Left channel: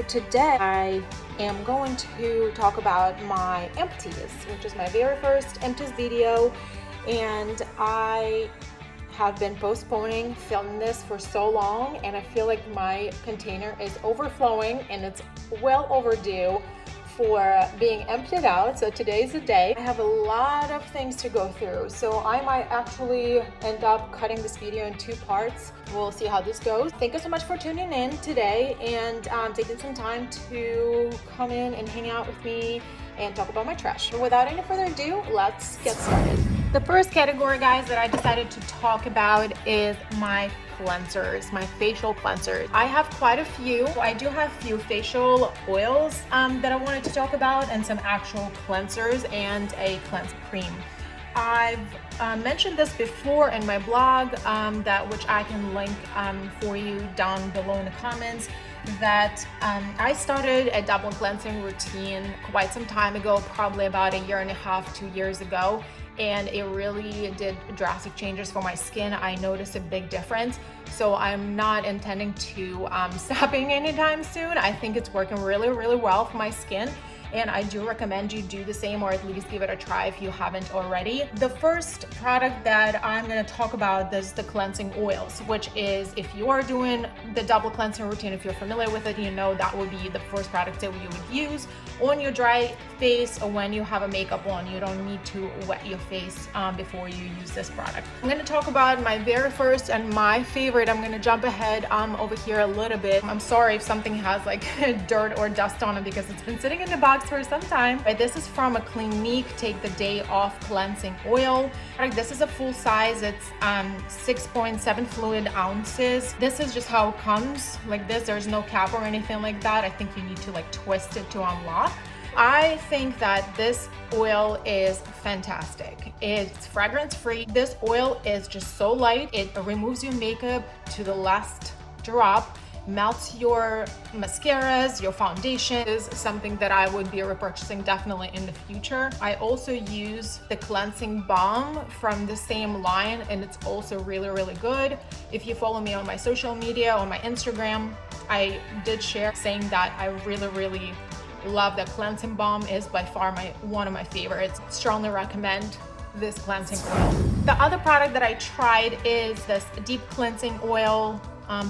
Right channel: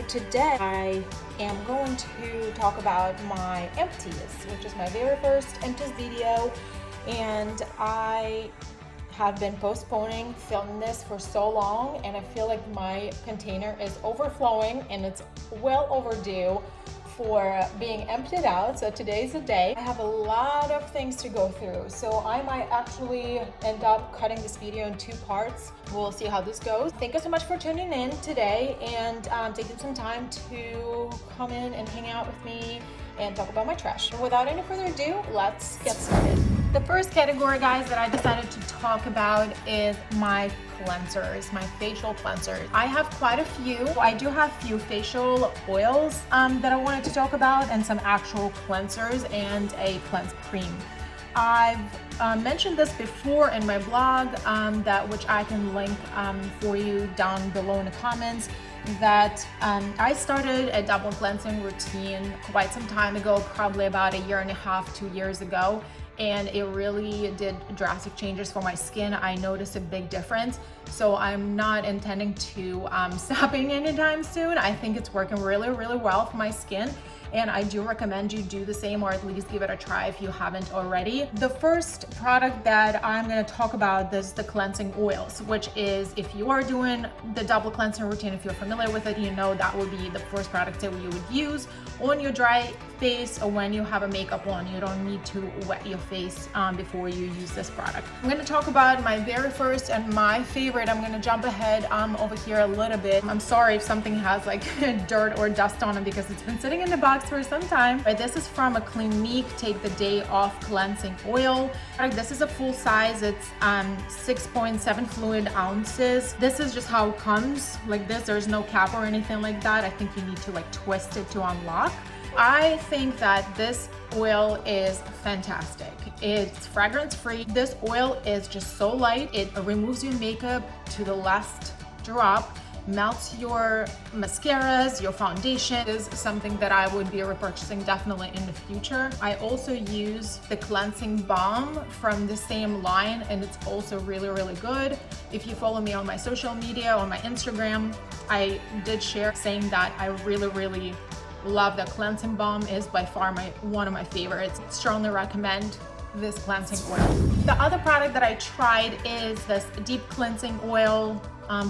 So today I am going to talk about my empties, which is my very first empties video, and I have been postponing filming this for so long, and I feel like my container is overflowing and it's well overdue for being emptied out. So today's the day. I have a lot of things to go through, so I might actually end up cutting this video in 2 parts. We'll see how this goes. Thank you so much for tuning in today and taking some time to come in and hang out with me and talk about my trash. Without any further ado, let's get started. The first category, guys, that I decided to talk about is my cleansers, my facial cleansers. I have quite a few. I do have a few facial oils that I wanted to talk about, and some actual cleansers and a cleanse cream. I've mentioned this before in my blog, which I can link for you down below in the comments, that I started a double cleansing routine quite some time ago, probably about 1.5 to 2 years ago. And it really did drastic changes for my skin. I noticed a big difference. So I'm not intending to stopping anytime soon. I think it's working really, really well for my skin. And I do recommend you do the same, or at least give it a try if you haven't already. The first product that I'm gonna talk about is the cleansing oils, which is, if you are doing the double cleansing routine, if you're familiar with it, you know that will be the first product that you would use on your dry face or when you have a makeup on. You don't need to wet your face before you use this product. I'm gonna talk about my very first and my favorite. I'm gonna jump ahead over here a little bit. I'm sorry if something has like dirt or dust on it because it's been sitting in the box for some time. But this is from a Clinique Take the Day Off Cleansing Oil. This is a full size. It's 6.7 fluid ounces. This is just how it comes, like this. There's no cap or anything like that. I think you need to like twist it to unlock. I think that this oil is fantastic. It's fragrance free. This oil is just so light. It removes your makeup to the last drop, melts your mascaras, your foundation. Is something that I would be repurchasing definitely in the future. I also use the cleansing balm from the same line, and it's also really, really good. If you follow me on my social media, on my Instagram, I did share saying that I really, really love the cleansing balm. Is by far one of my favorites. Strongly recommend this cleansing oil. The other product that I tried is this deep cleansing oil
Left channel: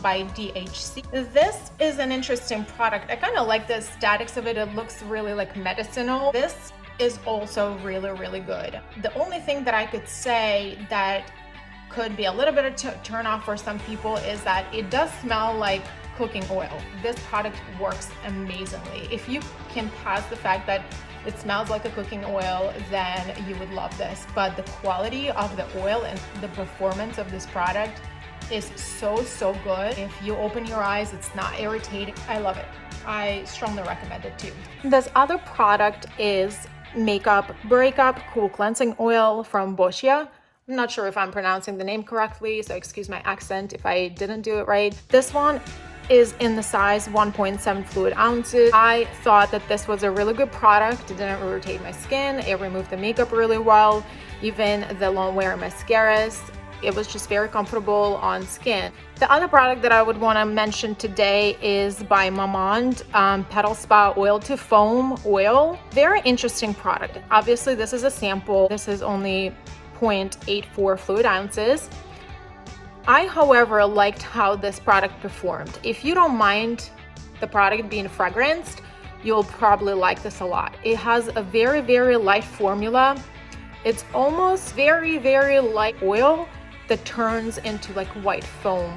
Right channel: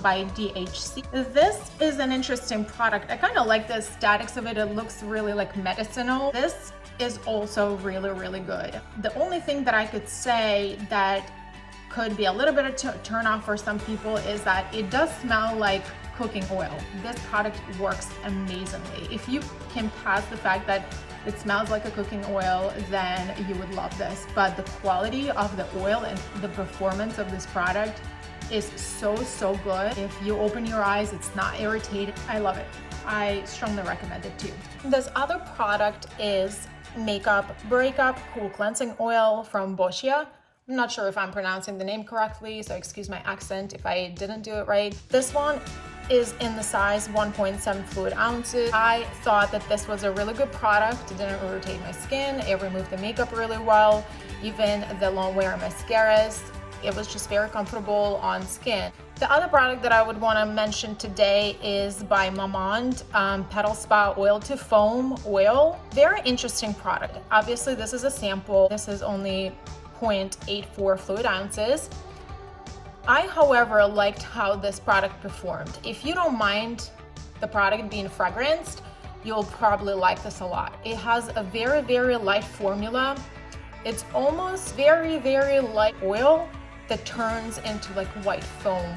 by DHC. This is an interesting product. I kind of like the aesthetics of it. It looks really like medicinal. This is also really, really good. The only thing that I could say that could be a little bit of a turn off for some people is that it does smell like cooking oil. This product works amazingly. If you can pass the fact that it smells like a cooking oil, then you would love this. But the quality of the oil and the performance of this product is so, so good. If you open your eyes, it's not irritating. I love it. I strongly recommend it too. This other product is Makeup BREAKUP Cool Cleansing Oil from BOSCIA. I'm not sure if I'm pronouncing the name correctly, so excuse my accent if I didn't do it right. This one is in the size 1.7 fluid ounces. I thought that this was a really good product. It didn't irritate my skin. It removed the makeup really well, even the long wear mascaras. It was just very comfortable on skin. The other product that I would want to mention today is by MAMONDE PETAL Spa Oil to Foam Oil. Very interesting product. Obviously, this is a sample. This is only 0.84 fluid ounces. I, however, liked how this product performed. If you don't mind the product being fragranced, you'll probably like this a lot. It has a very, very light formula. It's almost very, very light oil that turns into like white foam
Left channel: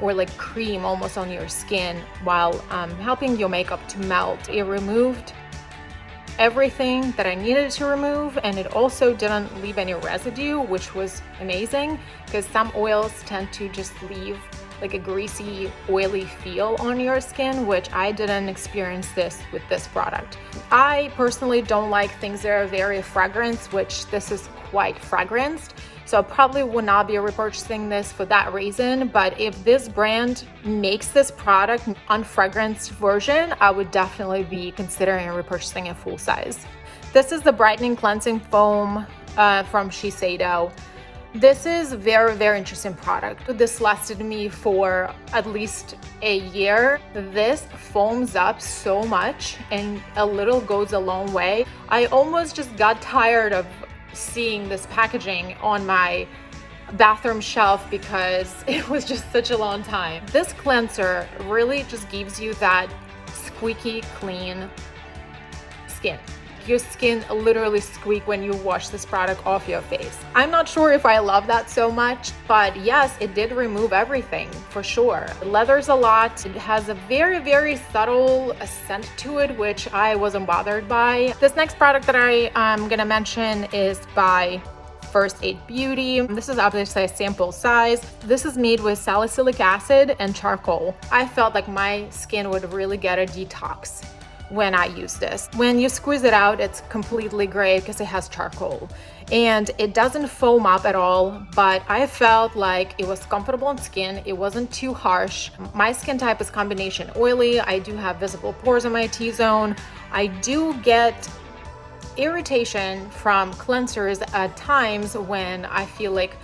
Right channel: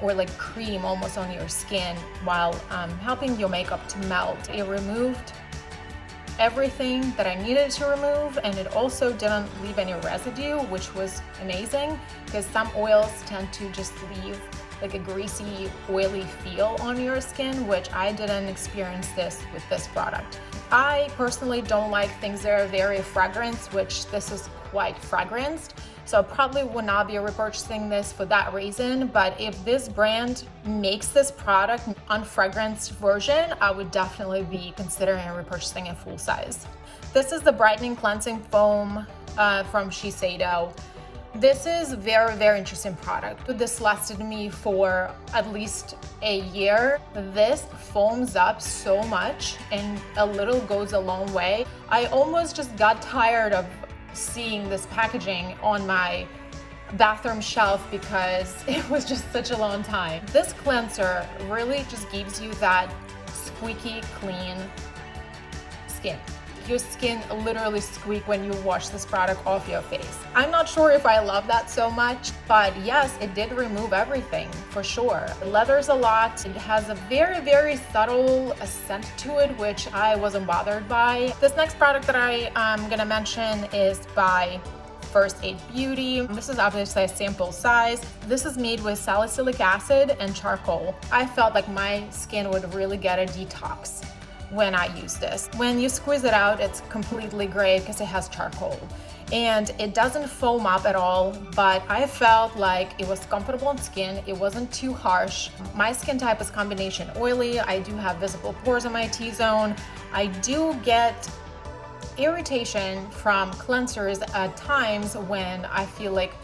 or like cream almost on your skin while helping your makeup to melt. It removed everything that I needed to remove, and it also didn't leave any residue, which was amazing, because some oils tend to just leave like a greasy, oily feel on your skin, which I didn't experience this with this product. I personally don't like things that are very fragranced, which this is quite fragranced. So I probably would not be repurchasing this for that reason, but if this brand makes this product unfragranced version, I would definitely be considering repurchasing a full size. This is the Brightening Cleansing Foam from Shiseido. This is very, very interesting product. This lasted me for at least a year. This foams up so much and a little goes a long way. I almost just got tired of seeing this packaging on my bathroom shelf because it was just such a long time. This cleanser really just gives you that squeaky clean skin. Your skin literally squeak when you wash this product off your face. I'm not sure if I love that so much, but yes, it did remove everything for sure. It leathers a lot. It has a very, very subtle scent to it, which I wasn't bothered by. This next product that I'm gonna mention is by First Aid Beauty. This is obviously a sample size. This is made with salicylic acid and charcoal. I felt like my skin would really get a detox when I use this. When you squeeze it out, it's completely gray because it has charcoal and it doesn't foam up at all, but I felt like it was comfortable on skin. It wasn't too harsh. My skin type is combination oily. I do have visible pores in my T-zone. I do get irritation from cleansers at times when I feel like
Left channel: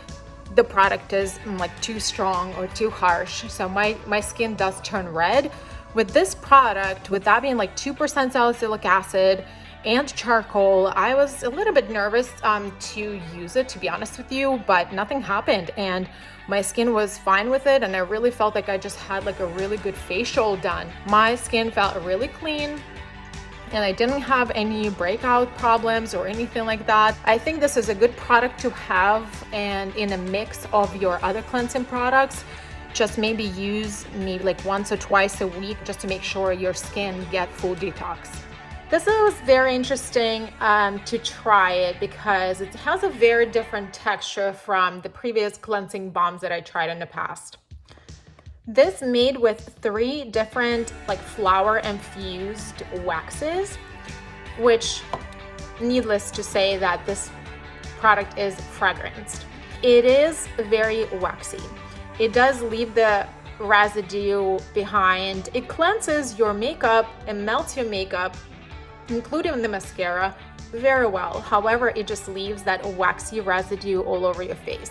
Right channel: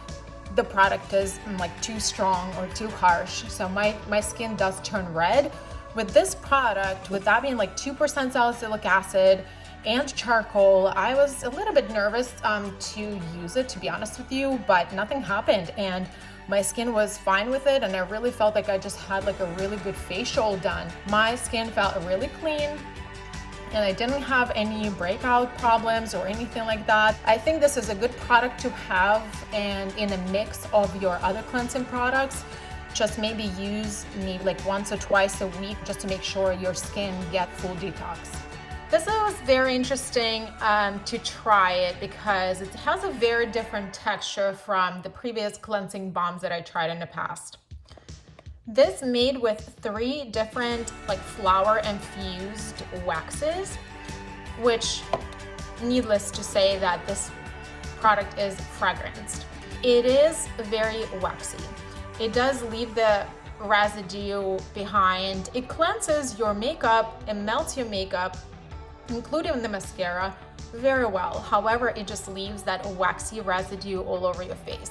the product is like too strong or too harsh. So my skin does turn red. With this product, with that being like 2% salicylic acid and charcoal, I was a little bit nervous to use it, to be honest with you, but nothing happened and my skin was fine with it, and I really felt like I just had like a really good facial done. My skin felt really clean and I didn't have any breakout problems or anything like that. I think this is a good product to have and in a mix of your other cleansing products. Just maybe use like once or twice a week just to make sure your skin get full detox. This was very interesting to try it because it has a very different texture from the previous cleansing balms that I tried in the past. This made with 3 different like flower infused waxes, which needless to say that this product is fragranced. It is very waxy. It does leave the residue behind. It cleanses your makeup and melts your makeup, including the mascara, very well. However, it just leaves that waxy residue all over your face,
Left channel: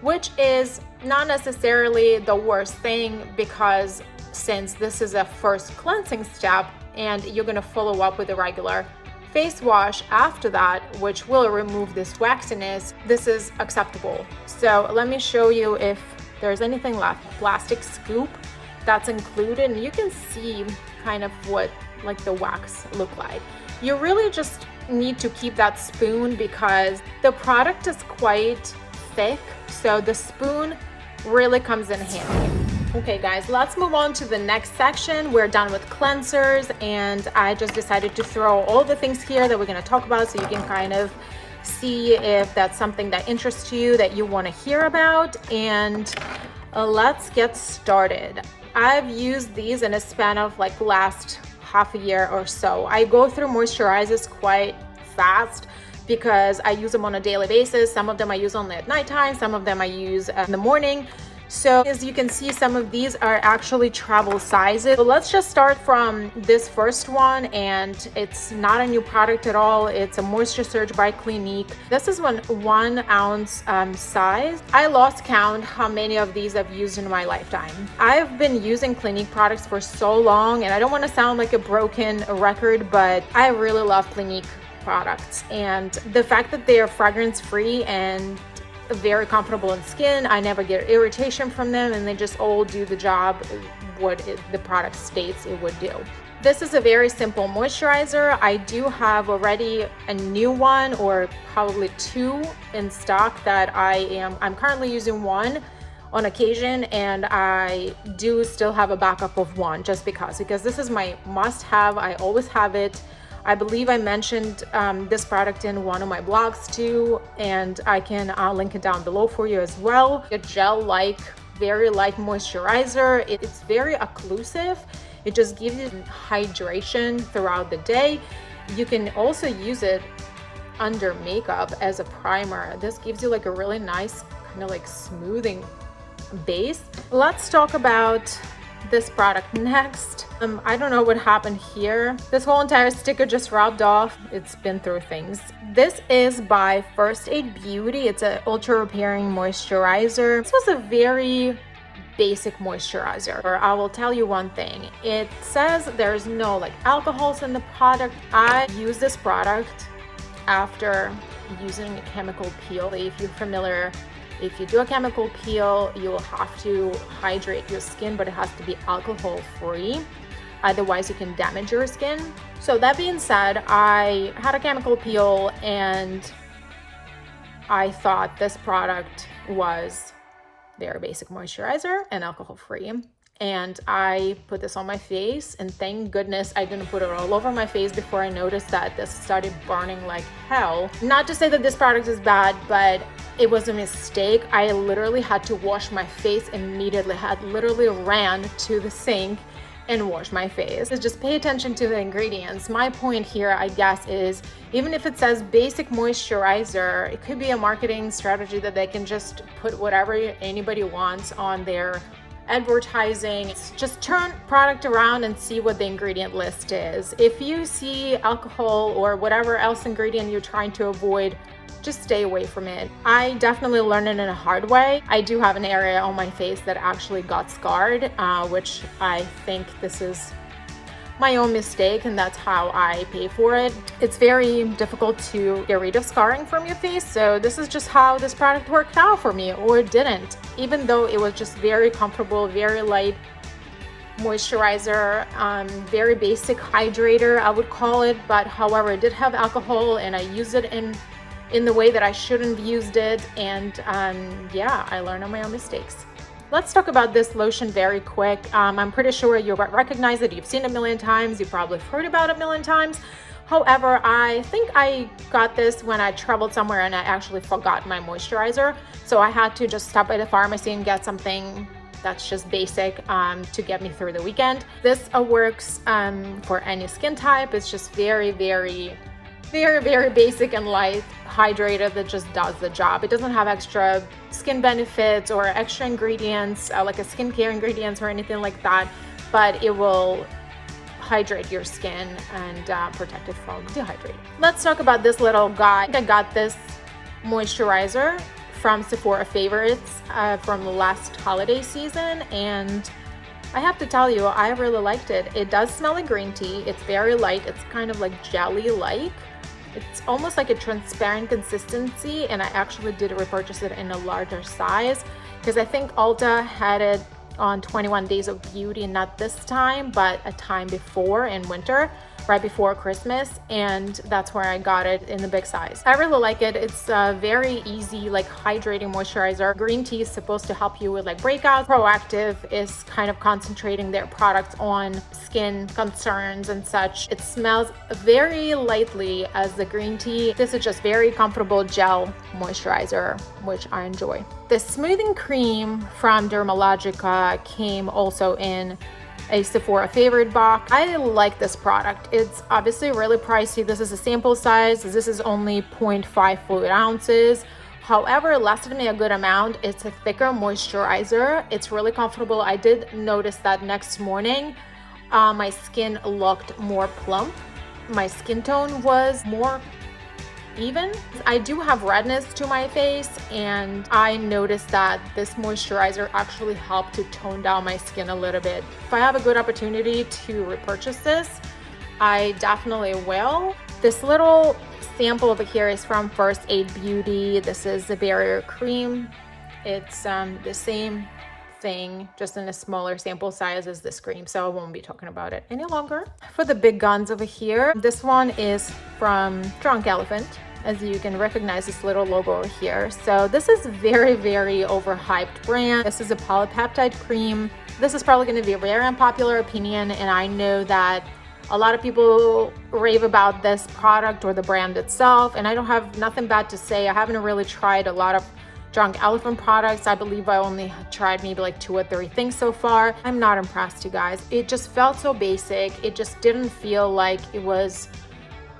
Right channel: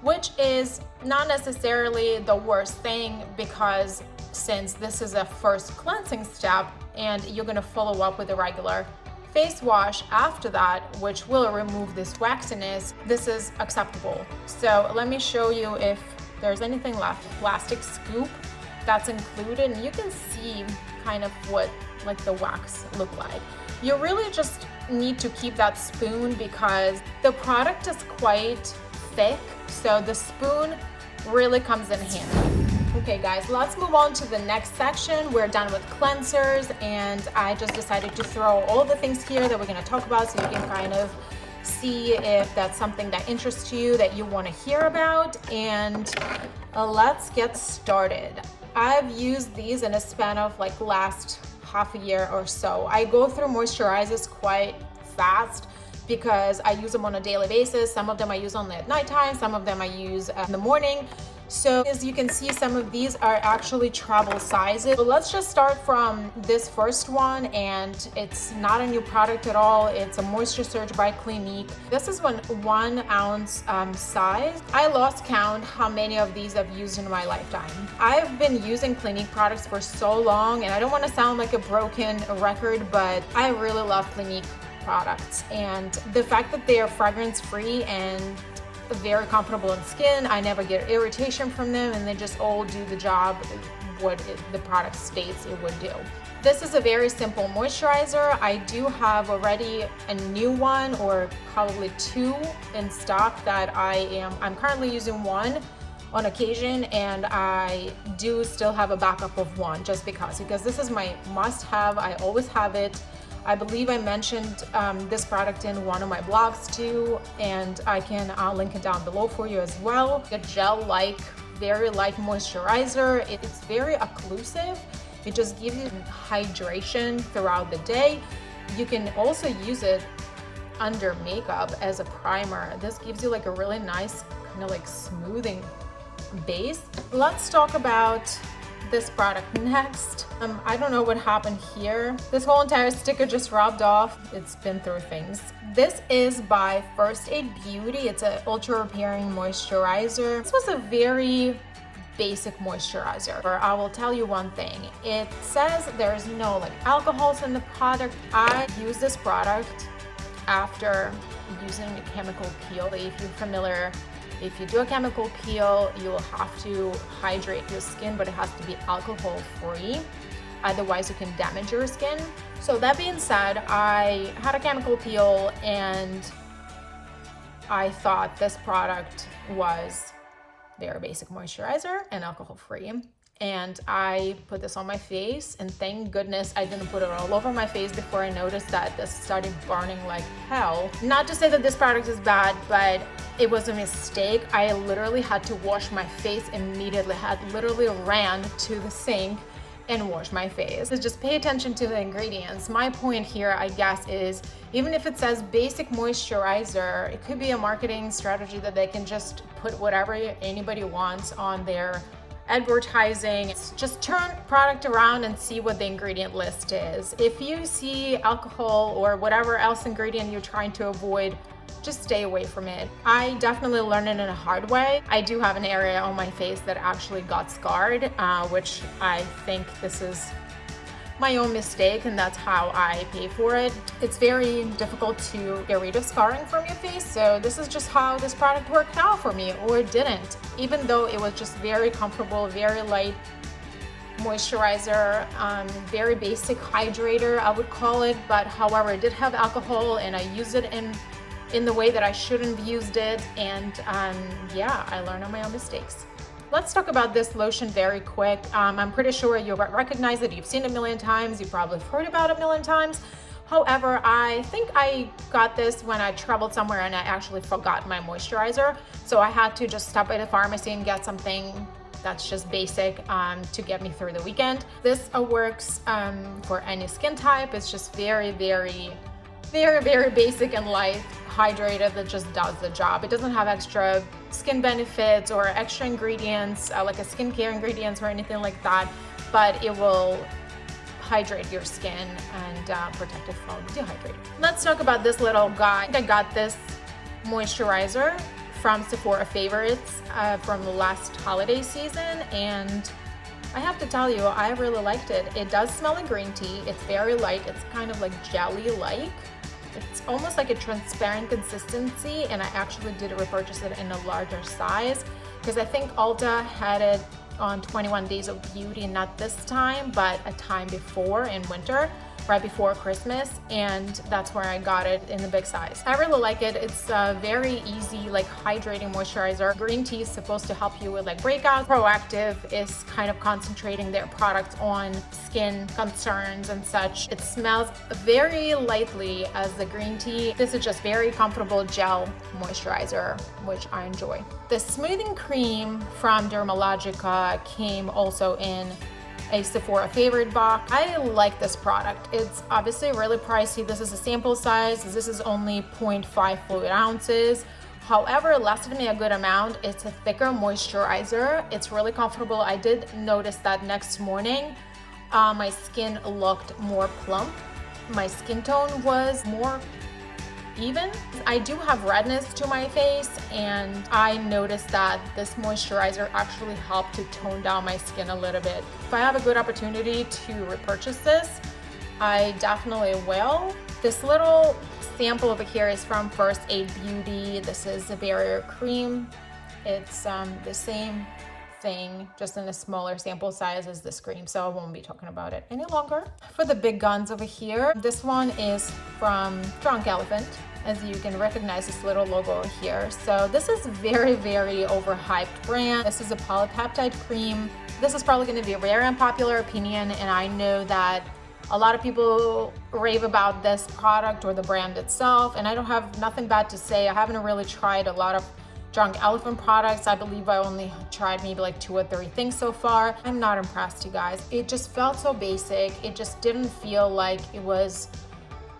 which is not necessarily the worst thing because since this is a first cleansing step and you're gonna follow up with a regular face wash after that, which will remove this waxiness, this is acceptable. So let me show you if there's anything left. Plastic scoop that's included, and you can see kind of what like the wax look like. You really just need to keep that spoon because the product is quite thick, so the spoon really comes in handy. Okay guys, let's move on to the next section. We're done with cleansers and I just decided to throw all the things here that we're going to talk about so you can kind of see if that's something that interests you, that you want to hear about, and let's get started. I've used these in a span of like last half a year or so. I go through moisturizers quite fast because I use them on a daily basis. Some of them I use only at nighttime, some of them I use in the morning. So as you can see, some of these are actually travel sizes. So let's just start from this first one, and it's not a new product at all. It's a Moisture Surge by Clinique. This is 1 ounce size. I lost count how many of these I've used in my lifetime. I've been using Clinique products for so long, and I don't want to sound like a broken record, but I really love Clinique products. And the fact that they are fragrance free and very comfortable in skin, I never get irritation from them, and they just all do the job the product states it would do. This is a very simple moisturizer. I do have already a new one, or probably 2 in stock that I'm currently using 1 on occasion, and I do still have a backup of 1 just because this is my must-have. I always have it. I believe I mentioned this product in one of my blogs too, and I can link it down below for you as well. A gel-like, very light moisturizer. It's very occlusive. It just gives you hydration throughout the day. You can also use it under makeup as a primer. This gives you like a really nice kind of like smoothing base. Let's talk about this product next. I don't know what happened here. This whole entire sticker just rubbed off. It's been through things. This is by First Aid Beauty. It's an ultra repairing moisturizer. This was a very basic moisturizer. I will tell you one thing. It says there's no like alcohols in the product. I use this product after using a chemical peel. If you're familiar, if you do a chemical peel, you will have to hydrate your skin, but it has to be alcohol free. Otherwise you can damage your skin. So that being said, I had a chemical peel and I thought this product was very basic moisturizer and alcohol free. And I put this on my face, and thank goodness I didn't put it all over my face before I noticed that this started burning like hell. Not to say that this product is bad, but it was a mistake. I literally had to wash my face immediately. I had literally ran to the sink and wash my face. So just pay attention to the ingredients. My point here, I guess, is even if it says basic moisturizer, it could be a marketing strategy that they can just put whatever anybody wants on their advertising. Just turn product around and see what the ingredient list is. If you see alcohol or whatever else ingredient you're trying to avoid, just stay away from it. I definitely learned it in a hard way. I do have an area on my face that actually got scarred, which I think this is my own mistake, and that's how I pay for it. It's very difficult to get rid of scarring from your face, so this is just how this product worked out for me, or it didn't. Even though it was just very comfortable, very light moisturizer, very basic hydrator, I would call it, but however, it did have alcohol and I used it in the way that I shouldn't have used it, and yeah, I learned on my own mistakes. Let's talk about this lotion very quick. I'm pretty sure you'll recognize it. You've seen it a million times. You probably heard about it a million times. However, I think I got this when I traveled somewhere and I actually forgot my moisturizer. So I had to just stop by the pharmacy and get something that's just basic to get me through the weekend. This works for any skin type. It's just very basic and light hydrator that just does the job. It doesn't have extra skin benefits or extra ingredients like a skincare ingredients or anything like that, but it will hydrate your skin and protect it from dehydrating. Let's talk about this little guy. I got this moisturizer from Sephora Favorites from the last holiday season, and I have to tell you, I really liked it. It does smell like green tea. It's very light. It's kind of like jelly-like. It's almost like a transparent consistency, and I actually did repurchase it in a larger size because I think Ulta had it on 21 Days of Beauty, not this time, but a time before in winter, right before Christmas, and that's where I got it in the big size. I really like it. It's a very easy, like hydrating moisturizer. Green tea is supposed to help you with like breakouts. Proactive is kind of concentrating their products on skin concerns and such. It smells very lightly as the green tea. This is just very comfortable gel moisturizer, which I enjoy. The smoothing cream from Dermalogica came also in a Sephora favorite box. I like this product. It's obviously really pricey. This is a sample size. This is only 0.5 fluid ounces. However, it lasted me a good amount. It's a thicker moisturizer. It's really comfortable. I did notice that next morning, my skin looked more plump. My skin tone was more even. I do have redness to my face, and I noticed that this moisturizer actually helped to tone down my skin a little bit. If I have a good opportunity to repurchase this, I definitely will. This little sample over here is from First Aid Beauty. This is the barrier cream. It's the same thing, just in a smaller sample size as this cream, so I won't be talking about it any longer. For the big guns over here, this one is from Drunk Elephant. As you can recognize this little logo over here. So this is very overhyped brand. This is a polypeptide cream. This is probably going to be a very unpopular opinion, and I know that a lot of people rave about this product or the brand itself, and I don't have nothing bad to say. I haven't really tried a lot of Drunk Elephant products. I believe I only tried maybe like 2 or 3 things so far. I'm not impressed, you guys. It just felt so basic. It just didn't feel like it was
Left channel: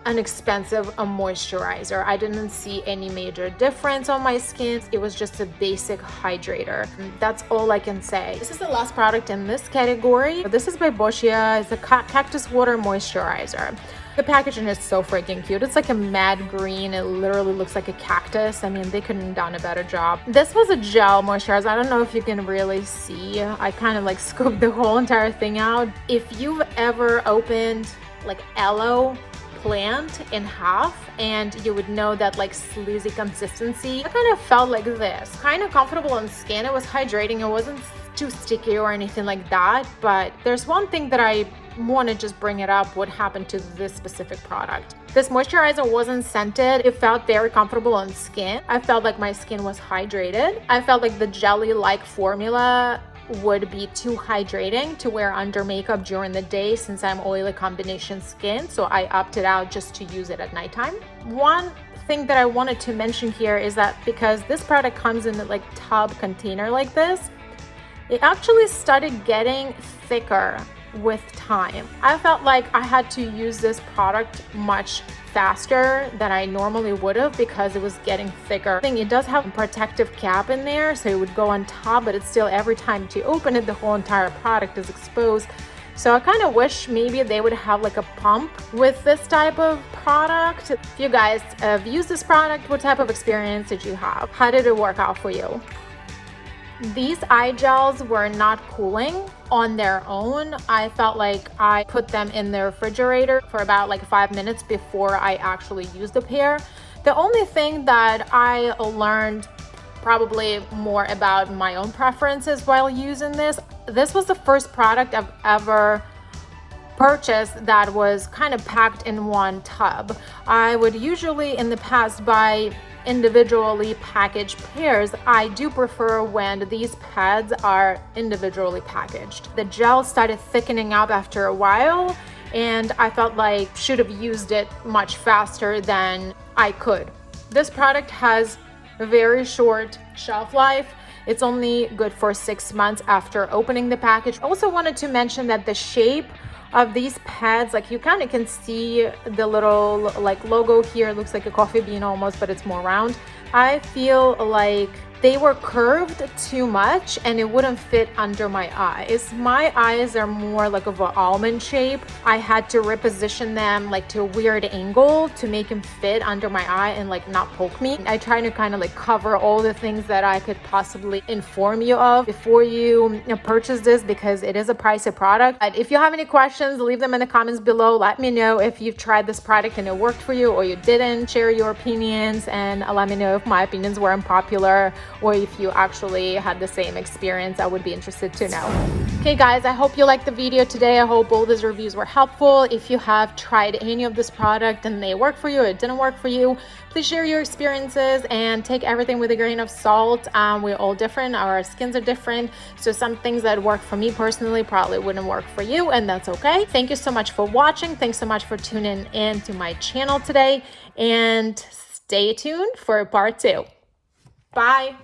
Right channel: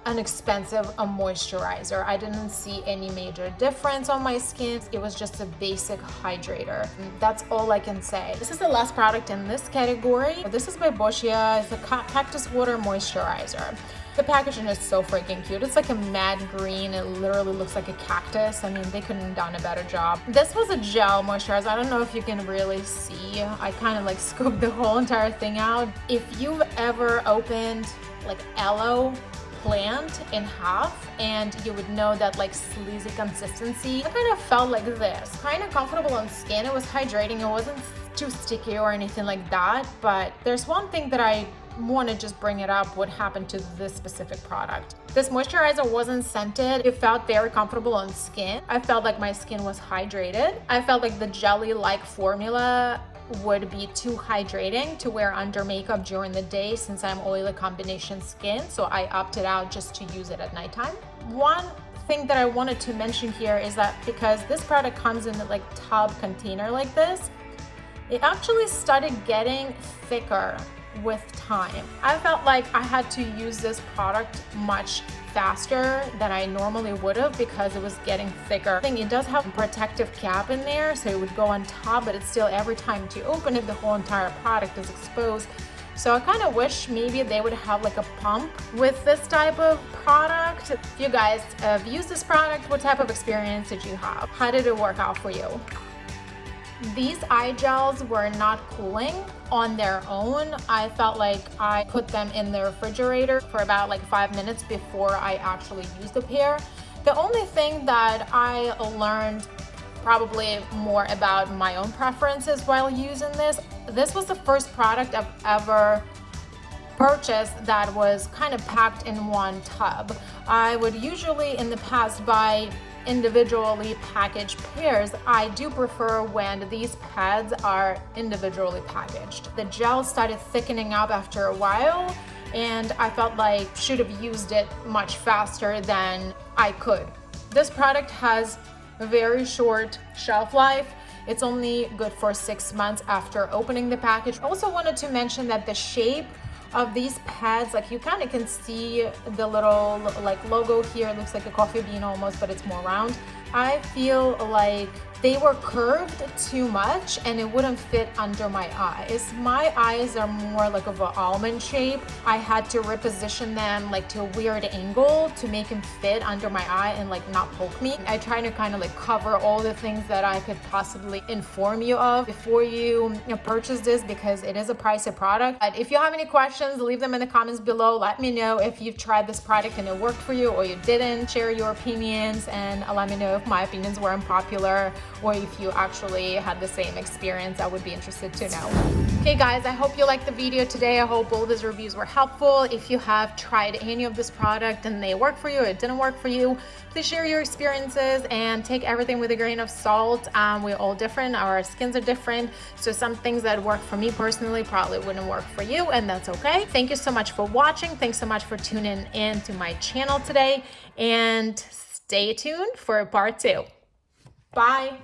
an expensive moisturizer. I didn't see any major difference on my skin. It was just a basic hydrator. That's all I can say. This is the last product in this category. This is by BOSCIA. It's a cactus water moisturizer. The packaging is so freaking cute. It's like a matte green. It literally looks like a cactus. I mean, they couldn't have done a better job. This was a gel moisturizer. I don't know if you can really see. I kind of like scooped the whole entire thing out. If you've ever opened like aloe plant in half, and you would know that like sleazy consistency, it kind of felt like this. Kind of comfortable on skin. It was hydrating. It wasn't too sticky or anything like that, but there's one thing that I want to just bring it up, what happened to this specific product. This moisturizer wasn't scented. It felt very comfortable on skin. I felt like my skin was hydrated. I felt like the jelly-like formula would be too hydrating to wear under makeup during the day since I'm oily combination skin, so I opted out just to use it at nighttime. One thing that I wanted to mention here is that because this product comes in like tub container like this, it actually started getting thicker with time. I felt like I had to use this product much faster than I normally would have because it was getting thicker. I think it does have a protective cap in there, so it would go on top, but it's still every time to open it, the whole entire product is exposed. So I kind of wish maybe they would have like a pump with this type of product. If you guys have used this product, what type of experience did you have? How did it work out for you? These eye gels were not cooling on their own. I felt like I put them in the refrigerator for about like 5 minutes before I actually used the pair. The only thing that I learned probably more about my own preferences while using this was the first product I've ever purchased that was kind of packed in one tub. I would usually in the past buy individually packaged pairs. I do prefer when these pads are individually packaged. The gel started thickening up after a while, and I felt like should have used it much faster than I could. This product has a very short shelf life. It's only good for 6 months after opening the package. I also wanted to mention that the shape of these pads, like you kind of can see the little like logo here. It looks like a coffee bean almost, but it's more round. I feel like they were curved too much and it wouldn't fit under my eyes. My eyes are more like of an almond shape. I had to reposition them like to a weird angle to make them fit under my eye and like not poke me. I try to kind of like cover all the things that I could possibly inform you of before you purchase this, because it is a pricey product. But if you have any questions, leave them in the comments below. Let me know if you've tried this product and it worked for you or you didn't. Share your opinions and let me know if my opinions were unpopular or if you actually had the same experience. I would be interested to know. Okay guys, I hope you liked the video today. I hope all these reviews were helpful. If you have tried any of this product and they work for you or it didn't work for you, please share your experiences and take everything with a grain of salt. We're all different, our skins are different, so some things that work for me personally probably wouldn't work for you, and that's okay. Thank you so much for watching. Thanks so much for tuning in to my channel today, and stay tuned for part 2. Bye.